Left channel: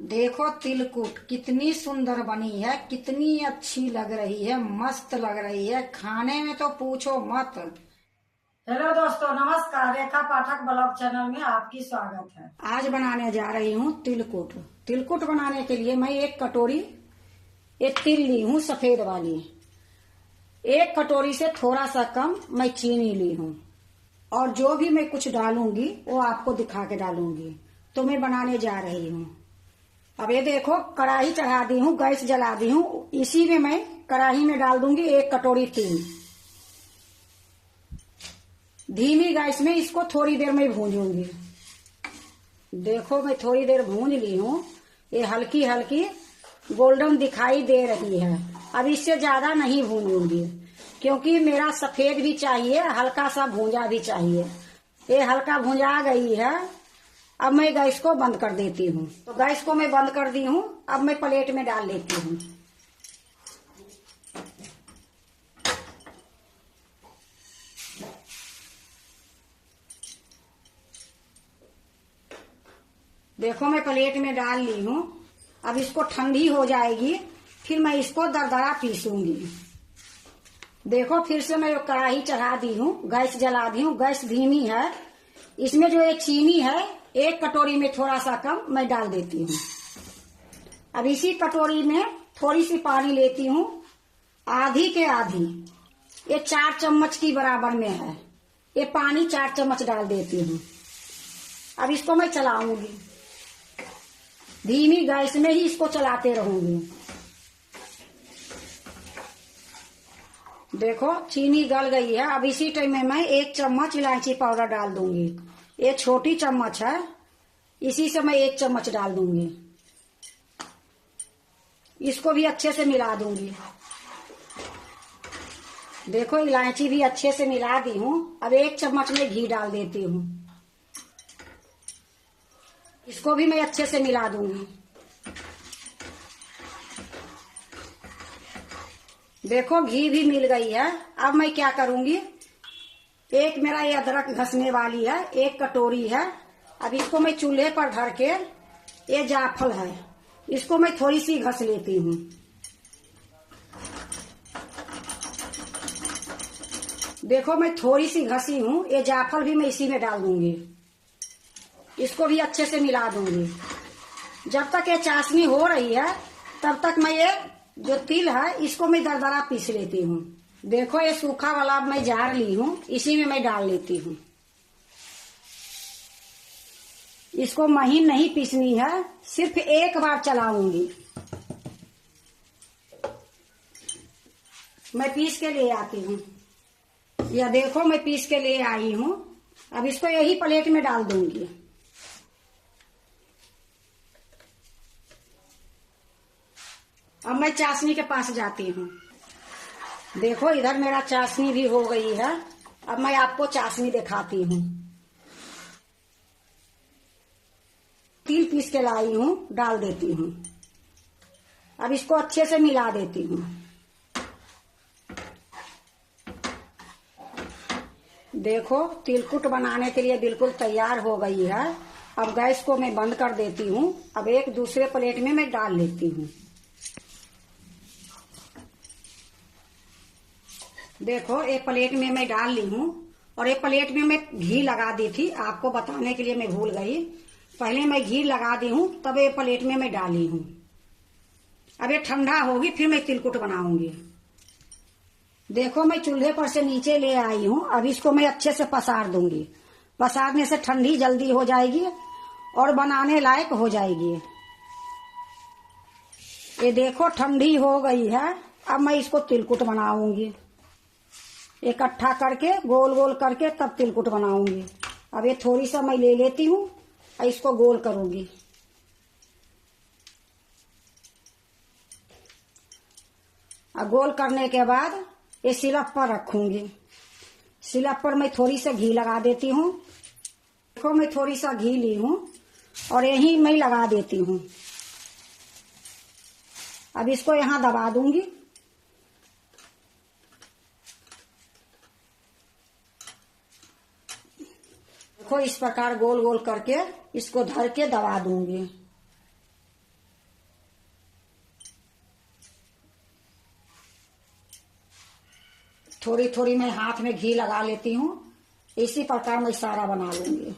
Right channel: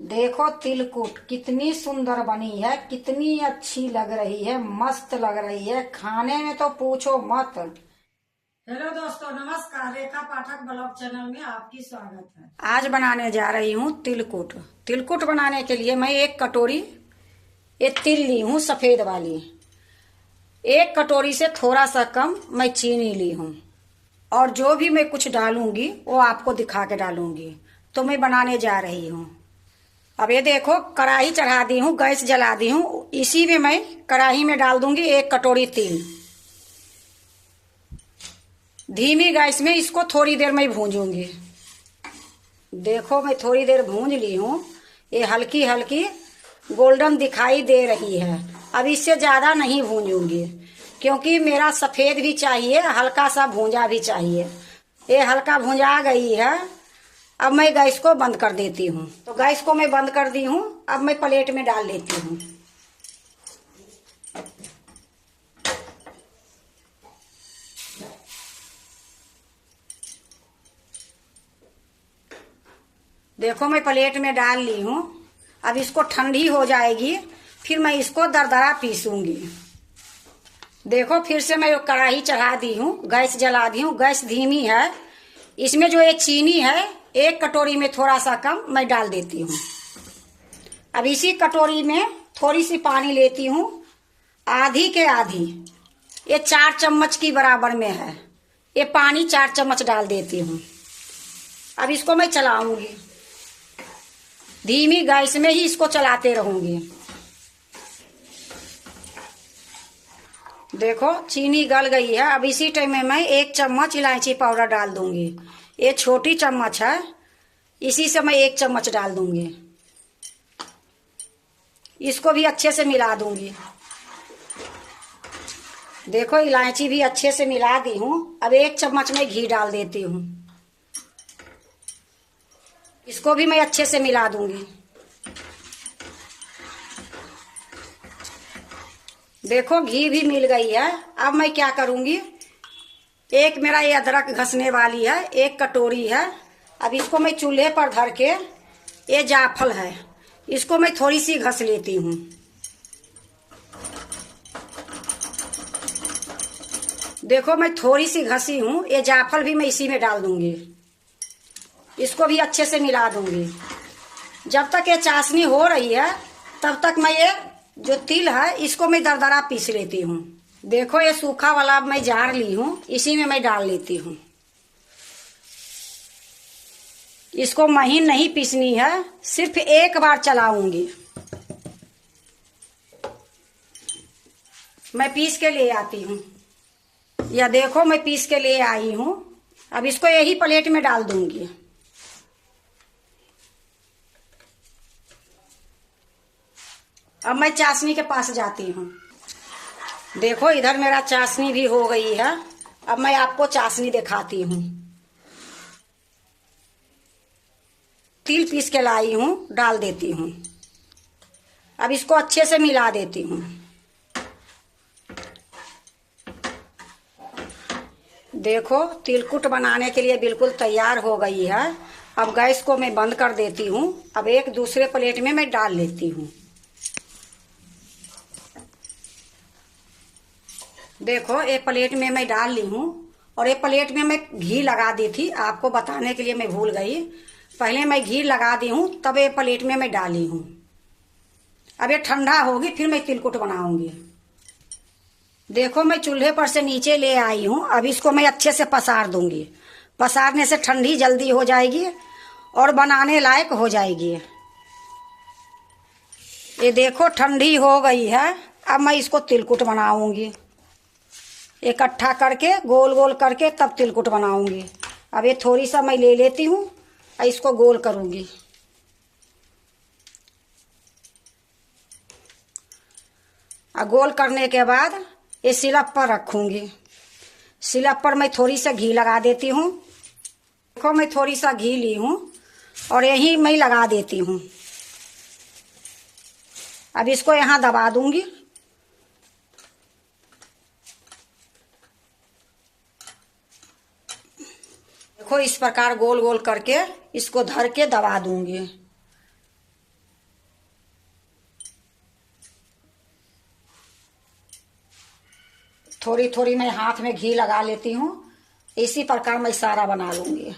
देखो तिलकुट कितनी सुंदर बनी है, कितनी अच्छी लग रही है, मस्त लग रही है। खाने में तो पूछो मत। हेलो दोस्तों, नमस्कार। रेखा पाठक ब्लॉग चैनल में आपकी स्वागत है। आज बनाने जा रही हूँ तिलकुट। तिलकुट बनाने के लिए मैं एक कटोरी ये तिल ली हूँ, सफेद वाली। एक कटोरी से थोड़ा सा कम मैं चीनी ली हूँ, और जो भी मैं कुछ डालूंगी वो आपको दिखा के डालूंगी। तो मैं बनाने जा रही हूँ। अब ये देखो, कढ़ाई चढ़ा दी हूँ, गैस जला दी हूँ। इसी में मैं कढ़ाई में डाल दूंगी एक कटोरी तिल। धीमी गैस में इसको थोड़ी देर में भूंजूंगी। देखो, मैं थोड़ी देर भूंज ली हूँ। ये हल्की हल्की गोल्डन दिखाई दे रही है। अब इससे ज्यादा नहीं भूंजूंगी, क्योंकि मेरा सफेद भी चाहिए, हल्का सा भूंजा भी चाहिए। ये हल्का भूंजा गई है। अब मैं गैस को बंद कर देती हूँ। तो गैस को मैं बंद कर दी हूँ। अब मैं प्लेट में डाल लेती हूँ। देखो, मैं प्लेट में डाल ली हूँ। अब इसको ठंडी हो जाएगी, फिर मैं इसको दरदरा पीसूंगी। देखो, फिर से मैं कढ़ाई चढ़ा दी हूँ, गैस जला दी हूँ। गैस धीमी है। इसमें जो ये चीनी है, एक कटोरी में थोड़ा सा कम मैं डाल देती हूँ। अब इसी कटोरी में थोड़ी सी पानी लेती हूँ, आधी के आधी। ये 4 चम्मच की बराबर में है। ये पानी 4 चम्मच डाल देती हूँ। अब इसको मैं चलाऊंगी, धीमी गैस में ही इसको चलाते रहूंगी। देखो, चीनी गल गई है। अब इसी टाइम में मैं 1 चम्मच इलायची पाउडर डाल दूंगी। ये छोटी चम्मच है, इसी से मैं 1 चम्मच डाल दूंगी। इसको भी अच्छे से मिला दूंगी। देखो, इलायची भी अच्छे से मिला दी हूँ। अब 1 चम्मच में घी डाल देती हूँ। इसको भी मैं अच्छे से मिला दूंगी। देखो, घी भी मिल गई है। अब मैं क्या करूंगी, एक मेरा ये अदरक घसने वाली है, 1 कटोरी है। अब इसको मैं चूल्हे पर धर के, ये जायफल है, इसको मैं थोड़ी सी घस लेती हूँ। देखो, मैं थोड़ी सी घसी हूँ। ये जायफल भी मैं इसी में डाल दूंगी। इसको भी अच्छे से मिला दूंगी। जब तक ये चाशनी हो रही है, तब तक मैं ये जो तिल है, इसको मैं दरदरा पीस लेती हूँ। देखो, ये सूखा वाला मैं जार ली हूँ, इसी में मैं डाल लेती हूँ। इसको महीन नहीं पीसनी है, सिर्फ एक बार चलाऊंगी। मैं पीस के ले आती हूँ। या देखो, मैं पीस के ले आई हूँ। अब इसको यही प्लेट में डाल दूंगी। अब मैं चाशनी के पास जाती हूँ। देखो, इधर मेरा चाशनी भी हो गई है। अब मैं आपको चाशनी दिखाती हूँ। तिल पीस के लाई हूँ, डाल देती हूँ। अब इसको अच्छे से मिला देती हूँ। देखो, तिलकुट बनाने के लिए बिल्कुल तैयार हो गई है। अब गैस को मैं बंद कर देती हूँ। अब एक दूसरे प्लेट में मैं डाल लेती हूँ। देखो, एक प्लेट में मैं डाल ली हूँ, और एक प्लेट में मैं घी लगा दी थी। आपको बताने के लिए मैं भूल गई। पहले मैं घी लगा दी हूँ, तब एक प्लेट में मैं डाली हूँ। अब ये ठंडा होगी, फिर मैं तिलकुट बनाऊंगी। देखो, मैं चूल्हे पर से नीचे ले आई हूँ। अब इसको मैं अच्छे से पसार दूंगी। पसारने से ठंडी जल्दी हो जाएगी और बनाने लायक हो जाएगी। ये देखो, ठंडी हो गई है। अब मैं इसको तिलकुट बनाऊंगी। इकट्ठा करके, गोल गोल करके, तब तिलकुट बनाऊंगी। अब ये थोड़ी सा मैं ले लेती हूँ और इसको गोल करूंगी। और गोल करने के बाद ये सिलप पर रखूंगी। सिलप पर मैं थोड़ी सा घी लगा देती हूँ। देखो, मैं थोड़ी सा घी ली हूँ और यही मैं लगा देती हूँ। अब इसको यहाँ दबा दूंगी। देखो, इस प्रकार गोल गोल करके इसको धर के दबा दूंगी। थोड़ी थोड़ी मैं हाथ में घी लगा लेती हूँ। इसी प्रकार मैं सारा बना लूंगी।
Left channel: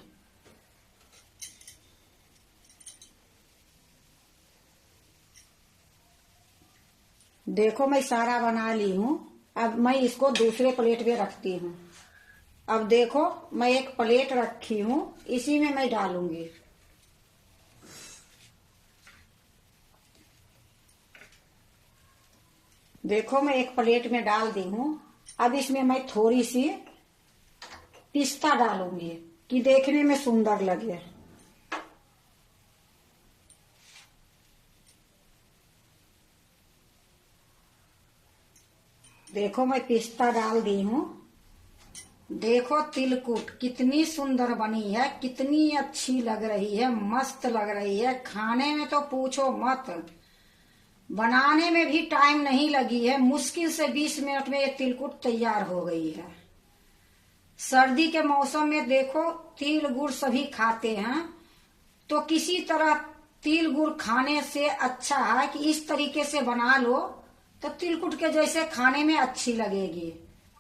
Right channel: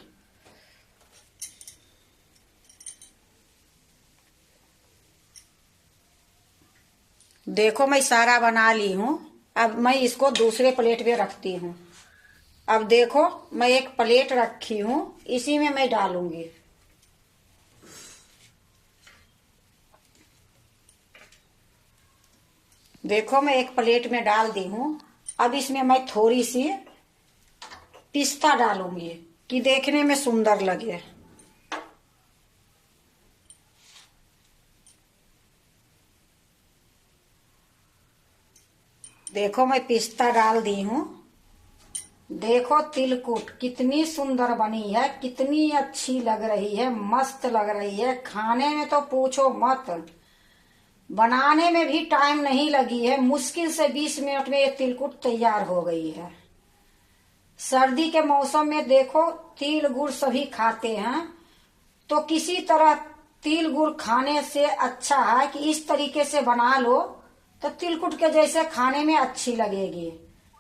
देखो मैं सारा बना ली हूँ। अब मैं इसको दूसरे प्लेट पे रखती हूँ। अब देखो मैं एक प्लेट रखी हूँ, इसी में मैं डालूंगी। देखो मैं एक प्लेट में डाल दी हूँ। अब इसमें मैं थोड़ी सी पिस्ता डालूंगी कि देखने में सुंदर लगे। देखो मैं पिस्ता डाल दी हूँ। देखो तिलकुट कितनी सुंदर बनी है, कितनी अच्छी लग रही है, मस्त लग रही है। खाने में तो पूछो मत, बनाने में भी टाइम नहीं लगी है। मुश्किल से 20 मिनट में ये तिलकुट तैयार हो गई है। सर्दी के मौसम में देखो तिल गुड़ सभी खाते हैं, तो किसी तरह तिल गुड़ खाने से अच्छा है कि इस तरीके से बना लो तो तिलकुट के जैसे खाने में अच्छी लगेगी।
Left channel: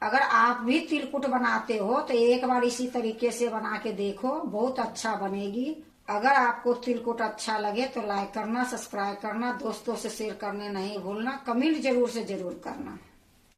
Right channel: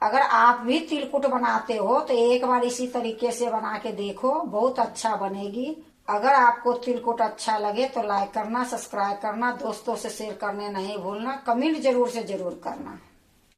अगर आप भी तिलकुट बनाते हो तो एक बार इसी तरीके से बना के देखो, बहुत अच्छा बनेगी। अगर आपको तिलकुट अच्छा लगे तो लाइक करना, सब्सक्राइब करना, दोस्तों से शेयर करने नहीं भूलना, कमेंट जरूर से जरूर करना।